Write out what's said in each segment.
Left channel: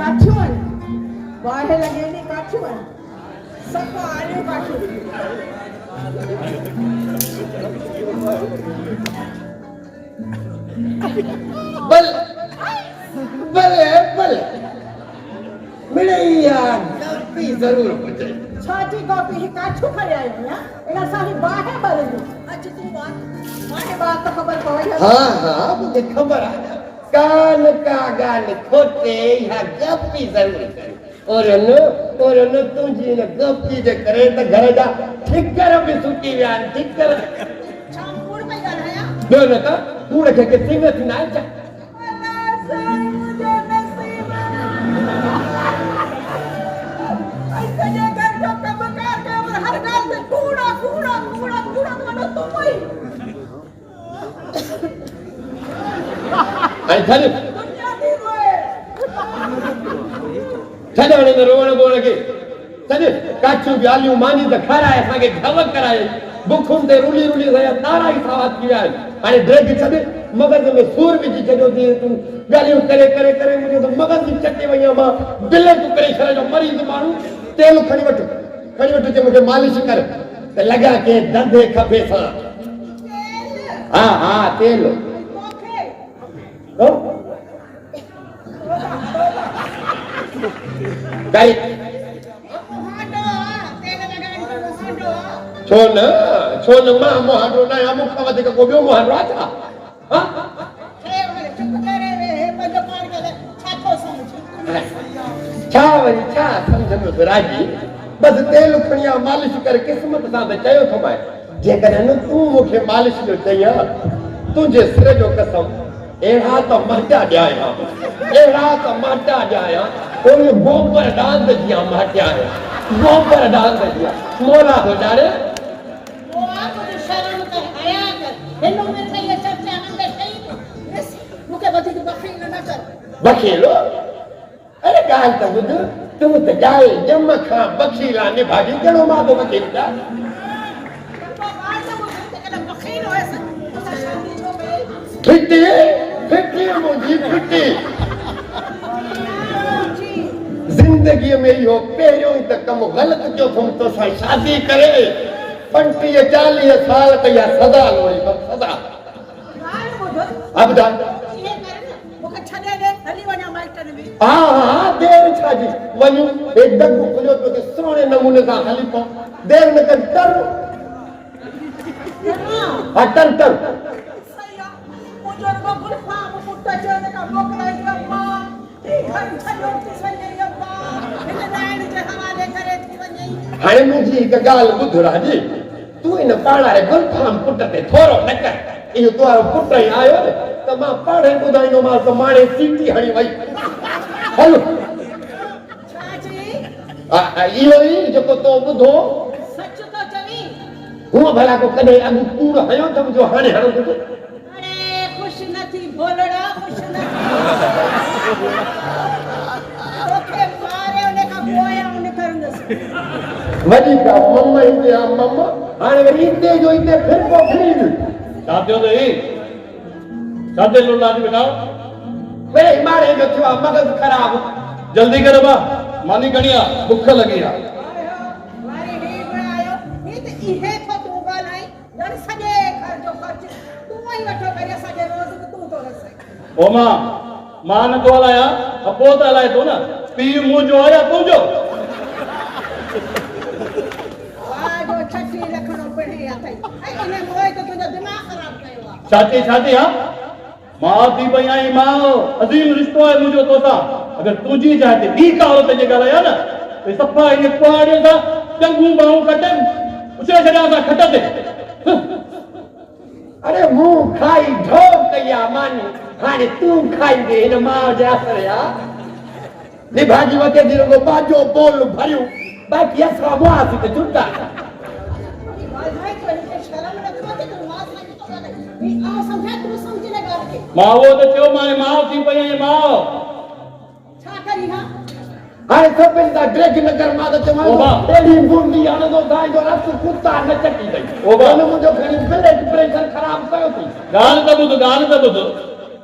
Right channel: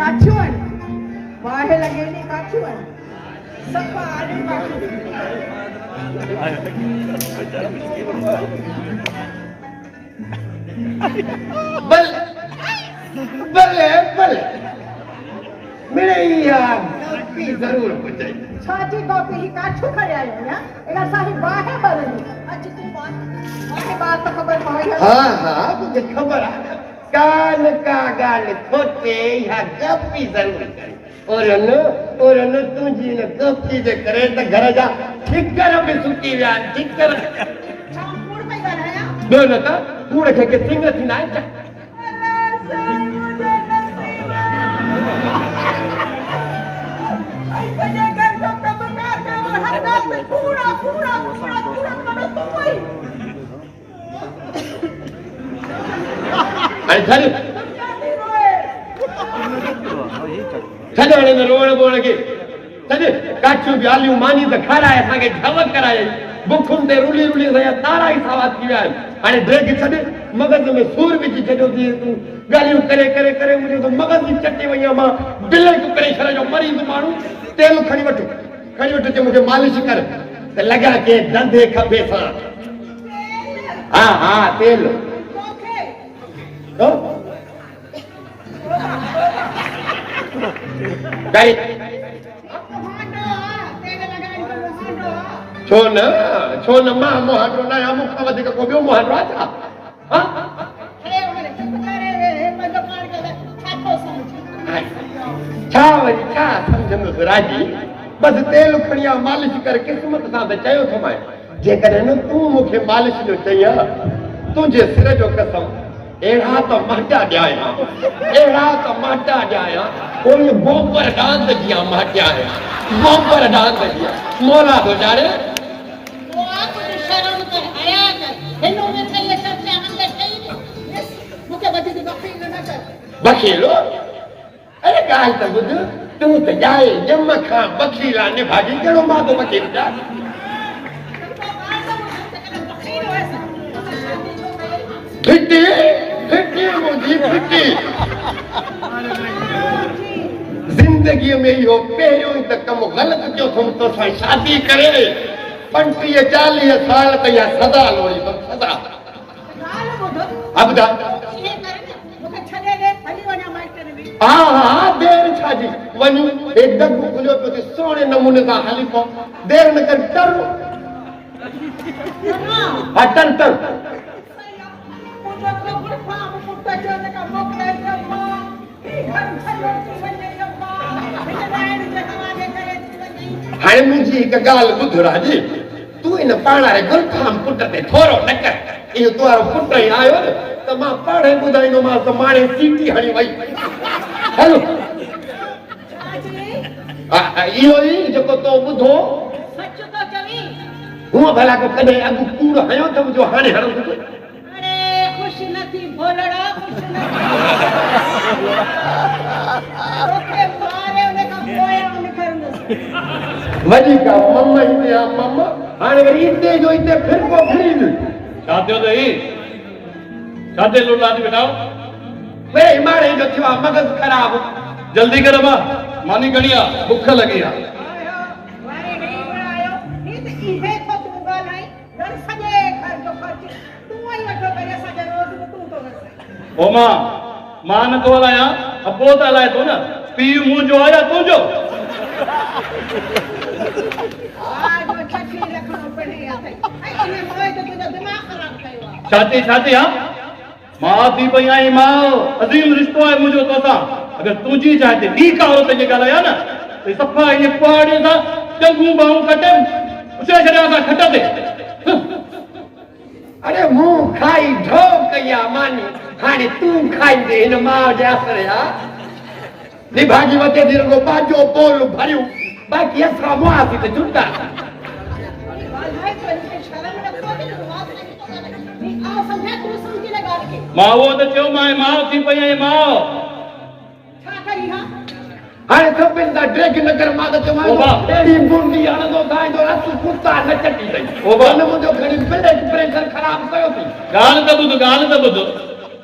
काठीवन बाहेर गेली काठीवन सप्पा आली काठी बल बल बल मिले यार कॉपी जरूर मुझे छाती कॉपी ही काठू खड़े आई ना एना सारी बाहेर बदली अच्छी तू बात तो खबर पड़ी हाँ हाँ मुझे खबर आ कान का गान खोटे या गप्पी जरूर करे और न तुझी न गप्पी जे करे त घर जा ठिकर में सुती व्यान ठिकर छाम कूड़ पे गढ़ाया दो न का कूड़ के सिंग थी ना चा अल्लाह साईं मुझे नसीब आई कने कर जो कम कर के और हर गाल में कूड़ा कूड़ा कूड़ा कूड़ा करो तुम ही अरे चल तुम क्या दी रोए छदे रोण बोण के छदे काचू ब्यालियो मानी त खाराए संगे झवक कराए बुखुन दे रुली रुली रया तारा ही सावात की आए अरे देख छदे मगज में सूर विच छडो दी तू गालियो करे करे करे मुझे तो मगज की चट्टी वया मां दिल को करे छरे जो मरीज मानू तेल खणी वठ ते मुके मालिश कर ते लगा के धंधे खपे सा हां हां तेल तो गाई छो न मां मोहाडो ना या मुख वधीक को बियो मोहाडो था हां हे वाले चुप करे वे बंद मार के छातो समझ छा वरी छा समझ में राजी बस तेल खणिया मालिश कर किस्मत सा त चयो थमाए जे करे न तू मुखे मालिश जो चया तुझे सिर जो कसम एड़ा तो माटा जाया कोई गोबर डाल दिया माटा है गोबर डाल दिया मोला गुजारे वो आपकी शर्म पे हया कर हेलो में थे ये सब से अंदर थे मुके बदी तो बखील न कर बखीलो अरे गाल तो बुध तू तो जाए जम खा बखीला ने भाजी चलो मां तो बखील जा बखील हो ऐसा शादी हो गई फिटी मुझी फिटी जिंदगी में यो पहिरियों ई त कम गलत जो तुम तो सां शादी करे 35-40 साल त या सदा लोड़ी तो सदा अब दा ये करे मुके छडे दे हली वना मास्टर में हां देर छाजी वनु एक दग खुलो तो सोने नमूने का हली को देर न कर टर अटन टर मुझे को गुल्फा मुट्टा जोने का मोकला जम्मा घर छलो सने जम्मा इन रायण जे हवाले करे थी वई हाणे मुंहिंजी हिकु ॻाल्हि ॿुध राजी तूं इन पाड़ाए गुलफाम पुट ते थोरो न कर इहो तुंहिंजो पुट ई आयो न त मां पाड़े ॿुधाईंदोमांसि त माणे चीटी हणी वई हलो छाजी इहो ई जेको तो ॿुधो सच तो चवी हूअं भला को कॾहिं अॻु कूड़ हयो त मुंहिंजो हाणे हणो थो अरे खुश नथी भोलड़ा खुश नथी ओके मारे उन का बोया उन करंदस वॾी का मम्मा ईंदी आहे मम्मा हाणे वरी हिते जो हिते फिर को फिरी छा थियो अथई छा थियो लुलादी बेटा वे मारे जो थियो आहे मगज़ ख़राब जल्दी कर मां मानी खणी आ बुख लगी आ मारे नहीं आयो ये तो इहे तो तू गालाई घर सजे घर जो खर्च तू ही वठो करे सजे रोज तू तो रस ओ मां न तो हलाया अपो त हलाए तो न पी मुंहिंजो आया तुंहिंजो जो छठी लखणो पड़ी आथई ऐ इने मोए तो तुझो दिमाग खराब कयो आ छाती आ मां थी पई आई मां अजीम रिश्तो आहे मुंहिंजो तोसां अगर तुंहिंजी जाइ ते ॿी का औरत जे ॻाल्हाया न त सफ़ा ईअं कुआड़ियूं सां चङियूं बाहूं कटनि उसे छॾिया असां खट ते अरे मुंह खाई ढो कया मानी हाणे तू खाईंदे हिन मां जे असर या निभागी वटे दिल को बाजो बोल भरियो बाकी असां मुआफ़ी ते जुटा भाई तो इनके शर्म रखो कि नमाज नहीं तो नहीं आ समझा तू समझ ले गाल के मां वो त चयो मां थी पई आई मां छा करी हां हाणे सभिनि खां ड्रेग नगर मां त चवां ओबा। एड़ी बूंदी हणंदो था जो रस कुत्ता न चटी अथई ओबा। हुन मुंहिंजो खणी ब्लड प्रेशर ख़राब कयो थी ॻाल्हि त ॿुध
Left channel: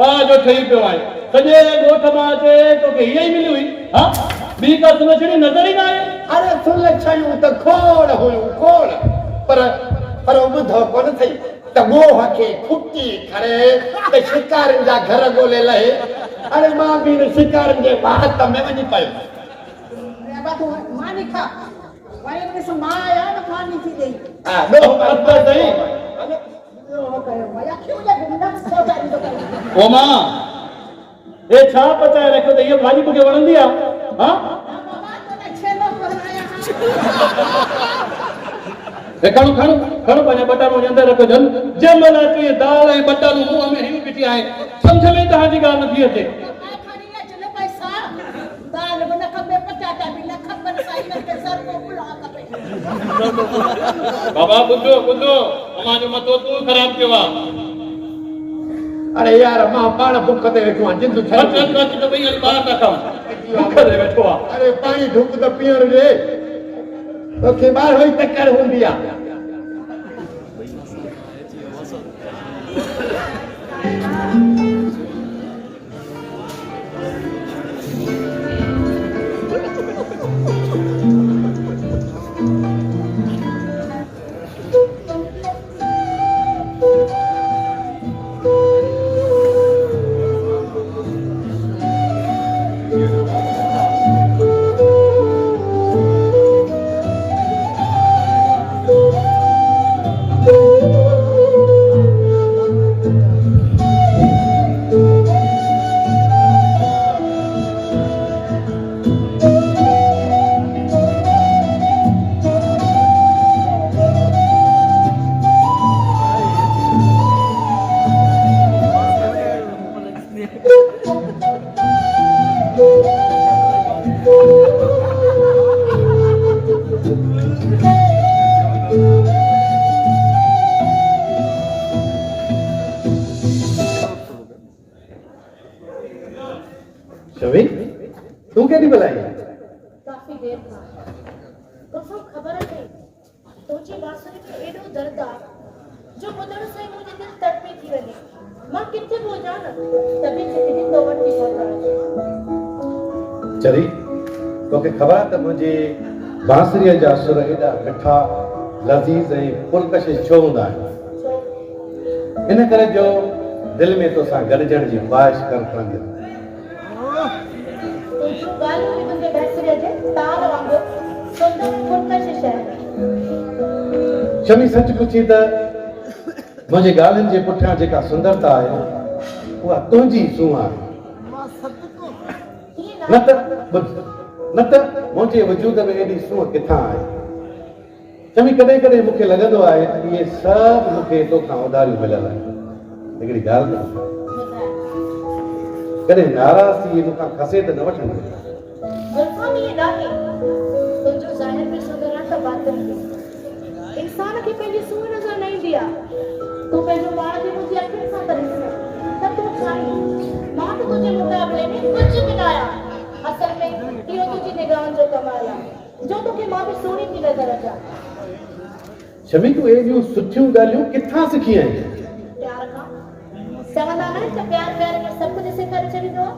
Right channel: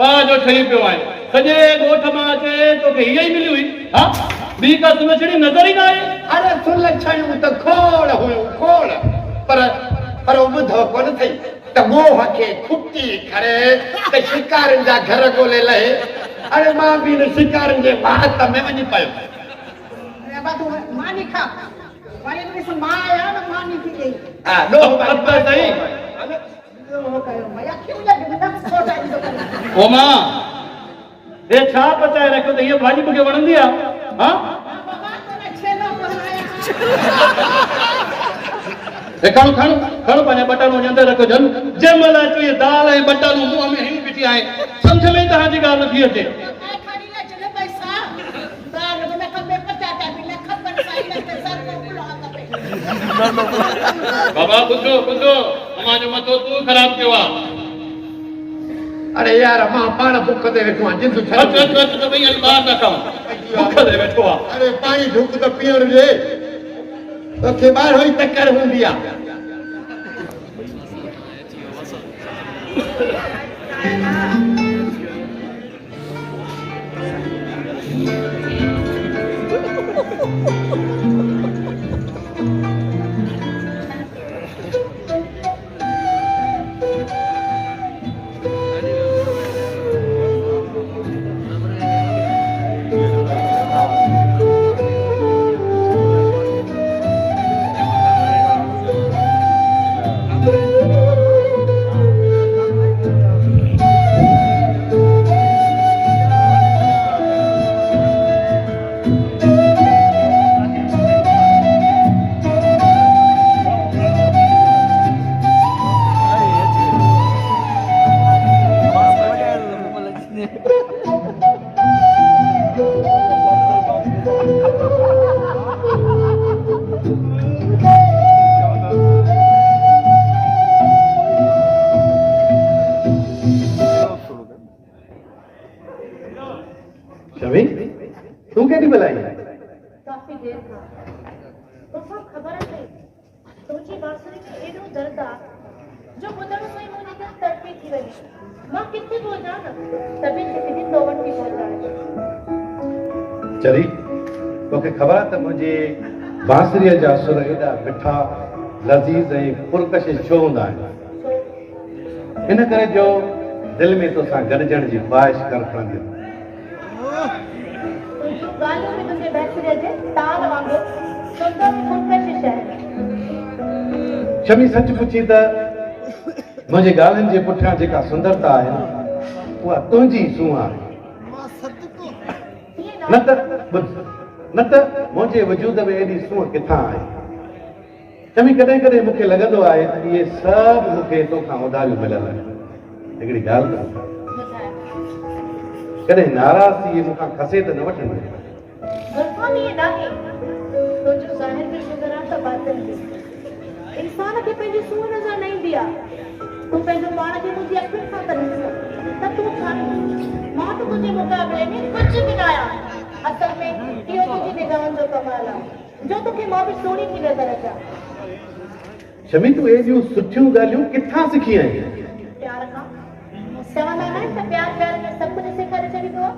वाह जो ठही पियो आहे सॼे ॻोठ मां अचे तोखे हीअ ई मिली हुई हा ॿी का सुलछणी नज़र ई न आहे अरे सुलछणियूं त खोड़ हुयूं खोड़ पर ॿुधो कोन थई त मोह खे खुटी करे त शिकारनि जा घर ॻोल्हे लहे अरे मां बि हिन शिकारनि जे वात में वञी पियो अरे बाबू मानी खा वरी मिस मां आया न मानी थी गई हा ॾोह पता सही वो कयो मया क्यों लगे न छोटा दी तो ओ मां हे छा पचाए रखियो त हीअ भाॼी मूंखे वणंदी आहे हा बाबा तो छेलो बनाया खणो पंहिंजा बटालू जे अंदरि रखो जन जंहिं महिल अचो इहे दाल ऐं बटालू मुंहं में हिन बीठी आहे सम्झ में तव्हांजी ॻाल्हि नथी अचे खड़ी न चले पैसा दाल बना खपे पटाटा भी न खपन साई न के सर को बुला खपे बाबा ॿुधो अमां जो मथो तूं ख़राब कयो आहे अरे यार मां पाण बुख ते वेठो आहियां जिंदु अच त भई हली ॿाहिरि था खाऊं बुख ते वेठो आहे अरे पाणी ढुक त पीअण जे तोखे ॿाहिरो ई टकर हूंदी आहे शमी तू केॾी महिल आई काफी देर खां तोसां ख़बर अथई तुंहिंजी बांसुरी में एॾो दर्द आहे जो ॿुधण सां ई मुंहिंजी दिलि तड़पी थी वञे मां किथे पहुचां न तभी जिंदगी तो वटि थी चरी तोखे ख़बर आहे त मुंहिंजी बांसुरीअ जा सुर एॾा मिठा लज़ीज़ ऐं पुरकशिश छो हूंदा आहिनि इन करे जो दिलि में तोसां गॾिजण जी ख़्वाहिश कनि पवंदी तुंहिंजूं ॻाल्हियूं बि तुंहिंजे बहिसरीअ जे ताल वांगुरु सुंदर पुरकशिश आहिनि शमी सच पुछी त मुंहिंजी ॻाल्हियुनि जे पुठियां जेका सुंदरता आहे उहा तुंहिंजी सूंह आहे न त मुंहिंजे वजूद में एॾी सूंह किथां आहे शमी कॾहिं कॾहिं मूंखे लॻंदो आहे त इहे सभु मूंखे तोखां उधारियूं मिलियल आहिनि हिकिड़ी ॻाल्हि आहे कॾहिं नाराज़गी मूंखां खसे त न वठंदी ग़ुल्फ़ान इहे नाहे तुंहिंजो ज़ाहिर बि सुंदर आहे त बातिन बि इंसान खे पंहिंजी सूंह नज़र न ईंदी आहे तूं पंहिंजो पाण खे मुंहिंजी अखियुनि सां करे ॾिस त तूं छा मां त तुंहिंजे मुक़ाबले में कुझु बि न आहियां असल में इहो तुंहिंजी निगाहनि जो कमाल आहे जो तोखे मां बि सुहिणी थी नज़र अचां शमी तूं एॾियूं सुठियूं ॻाल्हियूं किथां सिखी आहीं प्यार खां चवंदा न त प्यार में सभु कुझु सेखारे छॾींदो आहे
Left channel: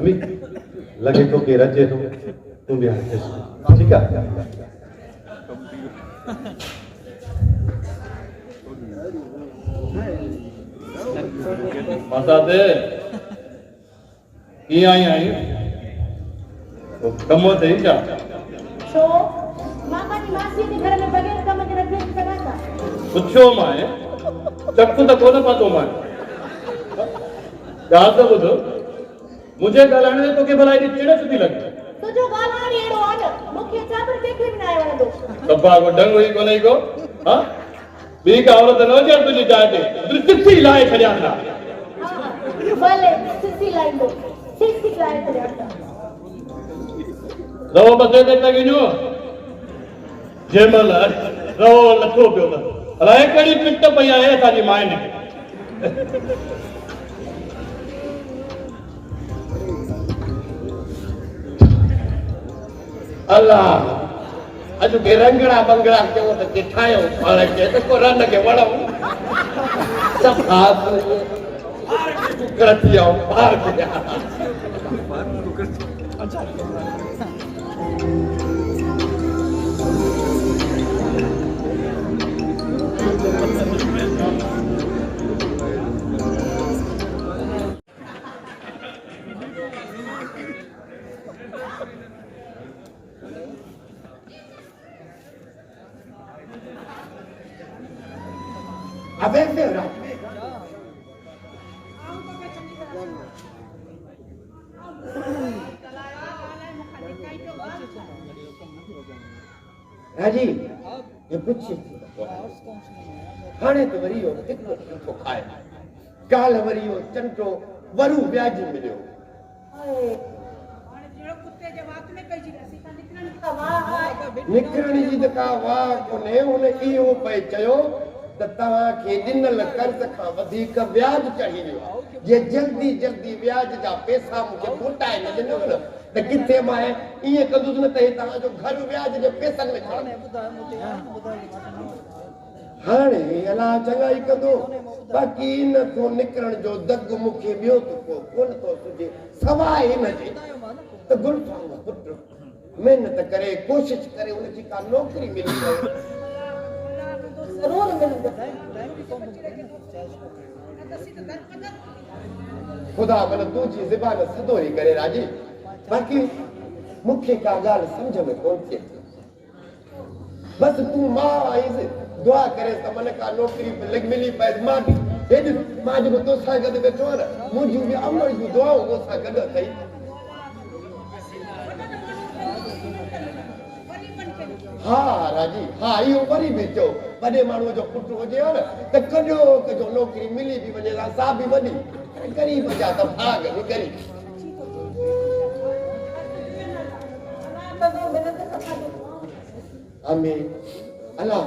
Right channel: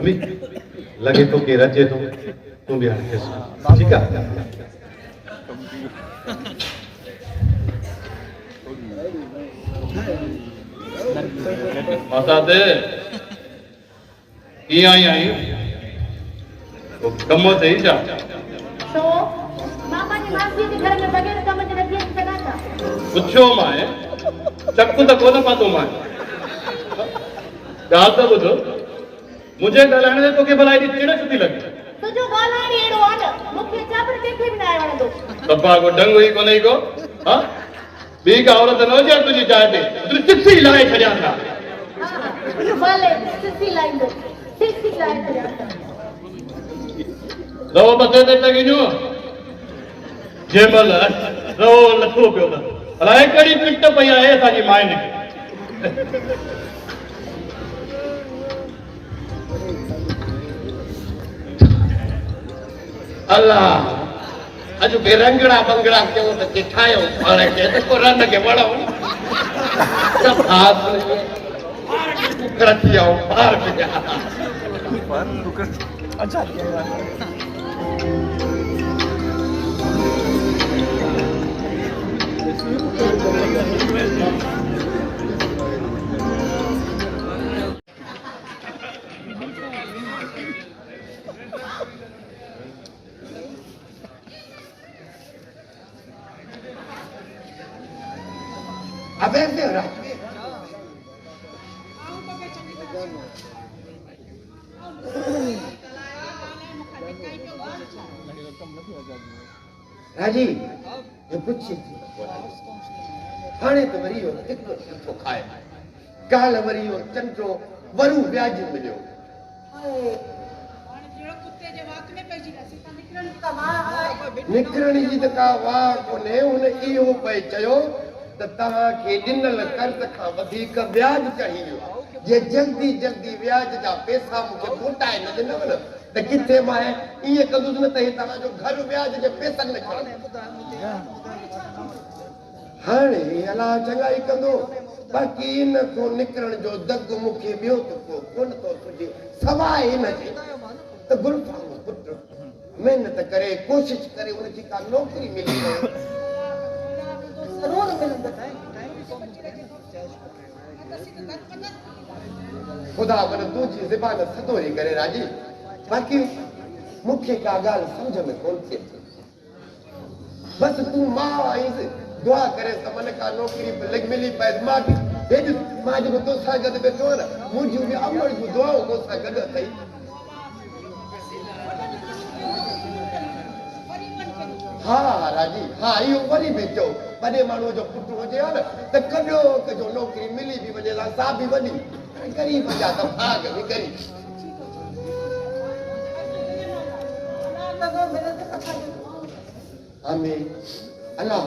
शमी लगे तो के रचे तो तू भी हरकेस ठीक है मासाते ये आई वो कमो थे ही जा तो मामा की मासी के घर में बगैर कम के रखिए सदा था पुछो माए चक्कू तो कोन पातो माए याद तो बुधो मुझे गलाने तो के भलाई दी चिड़ सुधी लगी तो जो गाना नहीं एड़ो वाला मुख्य चापर देखे भी ना आया वाला दो सब्बा को डंग हुई को नहीं को हां बी का औरत नोजे तुझे चाहते तू चिट्ठी लाए खड़िया था भले सिसी लाइन दो सिसी लाइन दो रो बसे दे तगिनो जेमल रो लथो पियो था अलाए कड़ी पिट पई आहे असांजी माए ने अल्लाह अॼु के रंगड़ा बंगड़ा कयो त चिठायो हाणे के त को रन के वणो सब हाथ में करती आओ बाहर गया अच्छा अबे मेरा राजी ये कुछ हाणे तो वरी हो हिकु सुठो खाए काल वरी हो चंडो वरू व्याज मिलियो निकिरण जी त का वाह कोन्हे हुन इहो पए चयो त तव्हांखे ॾिनल कर्ज़ खां वधीक व्याज चाहियो जे जल्दी जल्दी व्याज जा पैसा मूंखे मोटाए न ॾिनव न त किथे मां ईअं कंदुसि न त हे तव्हांजो घर व्याज जे पैसनि में हाणे अलाह चङाई कंदो बाक़ी इन खां निकिरण जो दग मूंखे ॿियो त को कोन थो सुझे सवाइ हिन जे त गुलफाम पुटु महिनत करे कोशिशि करे हुनजी का नौकिरी मिली वञे ज़रूर मिलंदो खुदा मन तुंहिंजी ज़बान सदोरी करे राजी बाक़ी मूंखे का ॻाल्हि सम्झ में कोन थिए थी बसि तूं मां आईंसि दुआ करे त मन का नौकिरी मिली पए मां बि हेॾी मां जेको तोसां गॾु वेठो आहियां न मुंहिंजियूं बि अमल जूं दुआऊं तोसां गॾु अथई हा राजी हा इहो वरी बि चओ वॾे माण्हूअ जो पुटु हुजे हा न त कॾो कजो नौकिरी मिली बि वञे सा बि वॾी ग़रीब जा त भाग बि ग़रीब आमीन अल्लाह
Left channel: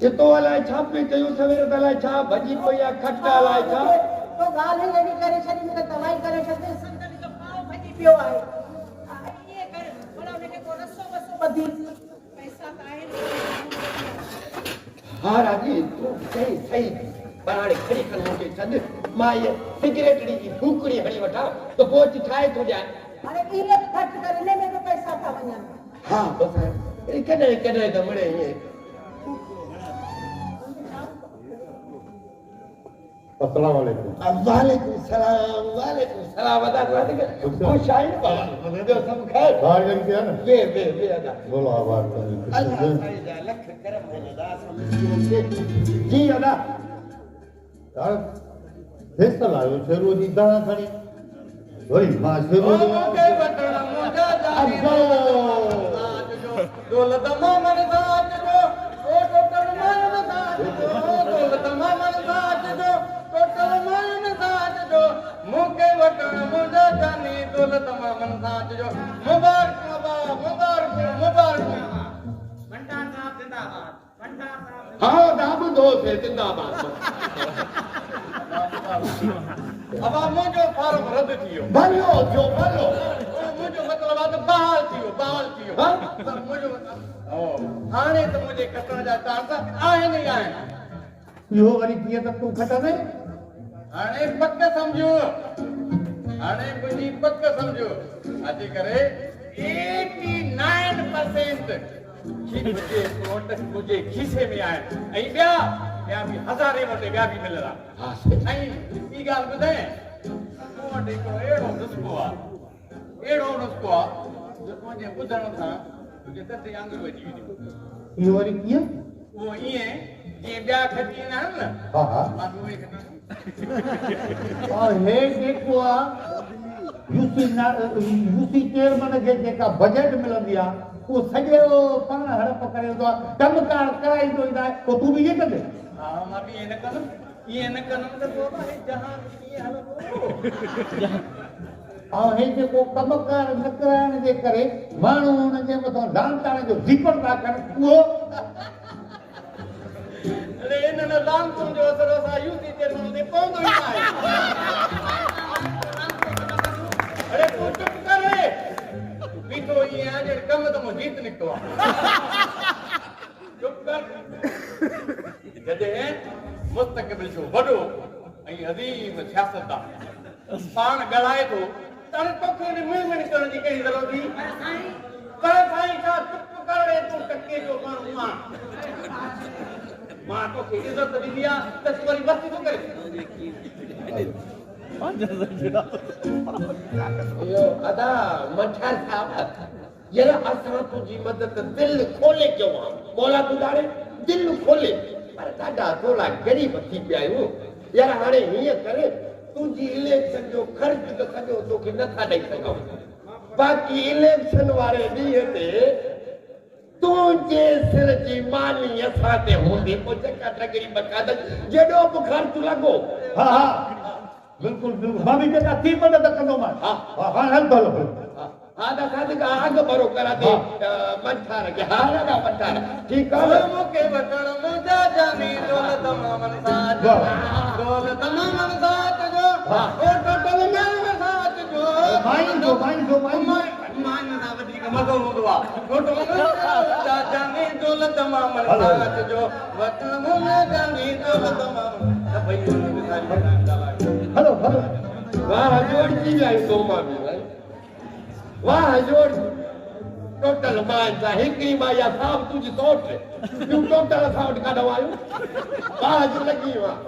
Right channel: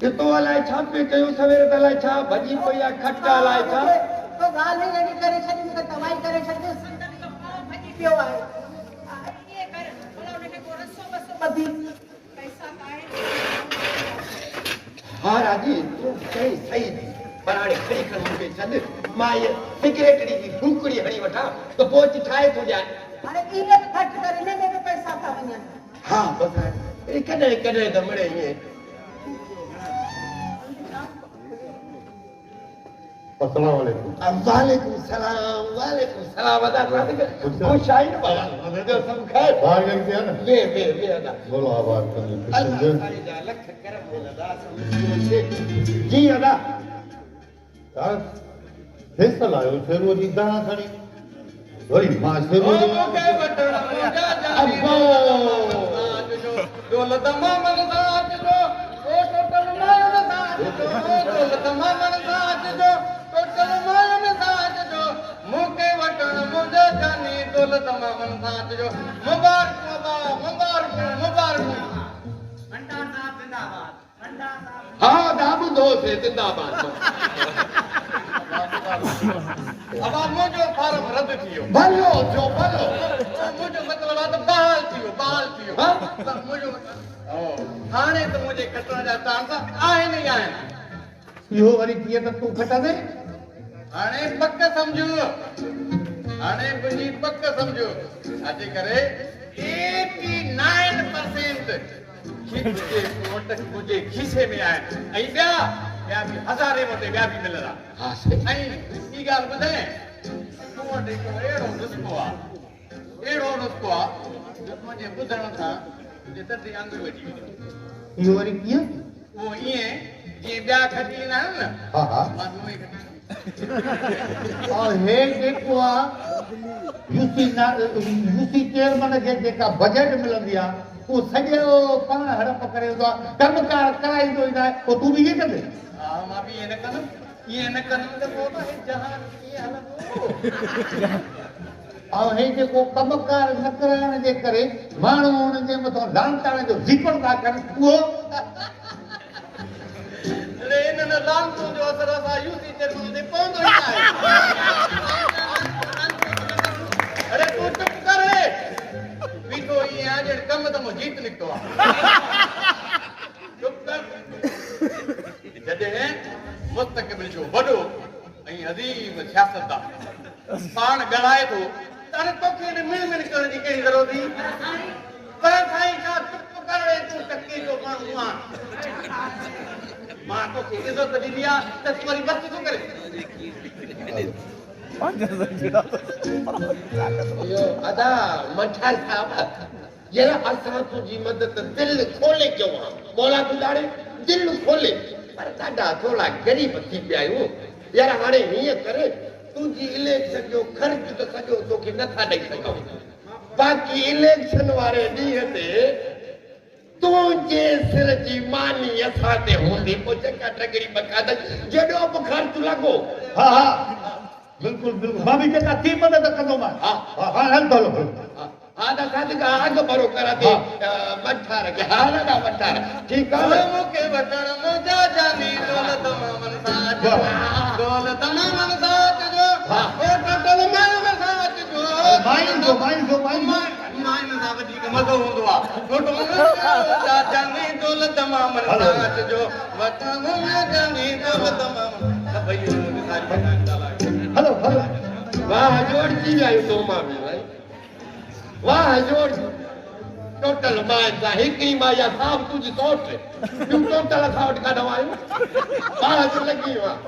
कितो अलाए छा पे कयूं सवेरे त अलाए छा भॼी पई आहे खटा अलाए छा तो ॻाल्हि ई अहिड़ी करे छॾी मूंखे कमाई करे छॾी संदन जो पाव भॼी पियो आहे ईअं कर भला हुनखे को रसो वसो ॿधी पैसा त आहिनि हा राजी तूं चई सही पर हाणे खणी खणी मूंखे छॾ मां इहा सिगरेट जी फूकड़ी हणी वठां त पोइ अची ठाहे थो ॾियां हाणे कीअं ख़र्च करे हिन में बि पैसा था वञनि हा बसि कॾहिं कॾहिं त मिड़े ईअं अस्सलाम वालेकुम वालेकुम सलाम अदा खुश आई न बाबा जो सब खैर बाहर गई थी ना वे अदा बोलो आवाज कर अल्लाह साईं जा लख करम में अदा जी अदा यार फैसल आयो फेरो जी दां खणी वरी मां फेरो के वटण मुंजा अब्बो दौलत मामन साथ जो ओ टोटल मामन साथ जो दौलत मामन साथ जो टोटल मामन साथ जो मुके वटण मुंजा जानी दौलत मामन साथ जो मुबारक मुबारक भंडार साहब जिंदाबाद भंडार साहब हां दाबू दो से जिंदाबाद अब मुझे फॉर्म रद्द थियो भलो जो मुझे मतलब बहाल थियो हां सब मुझो हाणे तो मुझे खतरा जा चांस आए नहीं आए इहो वरी कीअं त तूं खटंदे हाणे पक समझो हाणे मुझी पक समझो अॼु करे 89% मुझे खीसे में आए ऐं ॿिया बि हज़ारे मोटे ॿिया बि मिलंदा हा ऐं ॿी ॻाल्हि ॿुधाए तूं वटि हिकिड़ो अहिड़ो नुस्ख़ो आहे जो मुंहिंजे ॿुधण सां तुंहिंजे दर्दे आंगुर वॼी वेंदियूं इहो वरी कीअं उहो ईअं जीअं ॿिया खटी ईंदा आहिनि न हा हा मां बि उहो ई खटी और हे जेको आहे यूसी चेयरमैन खे जेका बजट मिलंदी आहे उहो सॼो पाण हड़प करे वेंदो आहे कमकार कराईंदो ईंदो आहे पोइ तूं बि ईअं कंदे हा मां बि ईअं न कंदुमि त पोइ त हे जहान कीअं हलंदो ऐं हे जेको कमकार न कराइण जे करे माण्हू हुननि जे मथां लांताणे जो ज़िक्र था कनि उहो अरे इन्हनि लांतुनि जो असर असां यूसी चेयरमैन ते पवंदो ई आहे अरे तूं चुप कर बीठो ईअं आहे ॼण कम त मूं जीत निकितो आहे चुप कर जॾहिं मुस्तक़बिल जो वॾो ऐं अज़ीम सियासतदान पाण ॻाल्हाए थो त हाणे तोखे हिन मिल करण जी कहिड़ी ज़रूरत हुई पर साईं छा चुप करे तूं टके जो माण्हू आहे मां तोखे इज़त ॾिनी आहे त तूं वरी बस थो करे इहो अदा मठा साहब जरा असां तुंहिंजी मदद दिल खोले कयो आहे मौला गुज़ारे दिल खोले पर ॾाढा थोरा ग़रीब थी पिया आहियूं यार हाणे हीअं करे तुंहिंजी इलेक्शन जो ख़र्च त सॼो तोखे नथा ॾेई सघूं बाक़ी इलेक्शन वारे ॾींहं ते तुंहिंजे सिर जी मानी असां ते हूंदी पोइ चका टकरी बकादल जॾो बि ख़र्च लॻो हा हा बिल्कुलु बिल्कुलु मां बि जेका थी मदद कंदोमांइ हा हा हा हल हलो हा दादा अघु भरो करा थी मठार के हा दादा मठार ठीकु आहे मूंखे वठण मुंहिंजा जानी दौलत मामन साथ दौलत मामन साथ जो हा ओ टोटल मामन साथ जो माइन जो माइन सां वधीक मज़ो हूंदो आहे टोटल मुंहिंजा जानी दौलत मामन साथ जो वठण मुंहिंजा जानी दौलत मामन भई हलो हलो वाह जोड़ जी आयो तो मां बि भाई वाह जोड़ टोटल मां जा हिकड़ी मां या साहब तुझी सौट तू टोटल असां वटि काढवायो वाह जो लगी वाह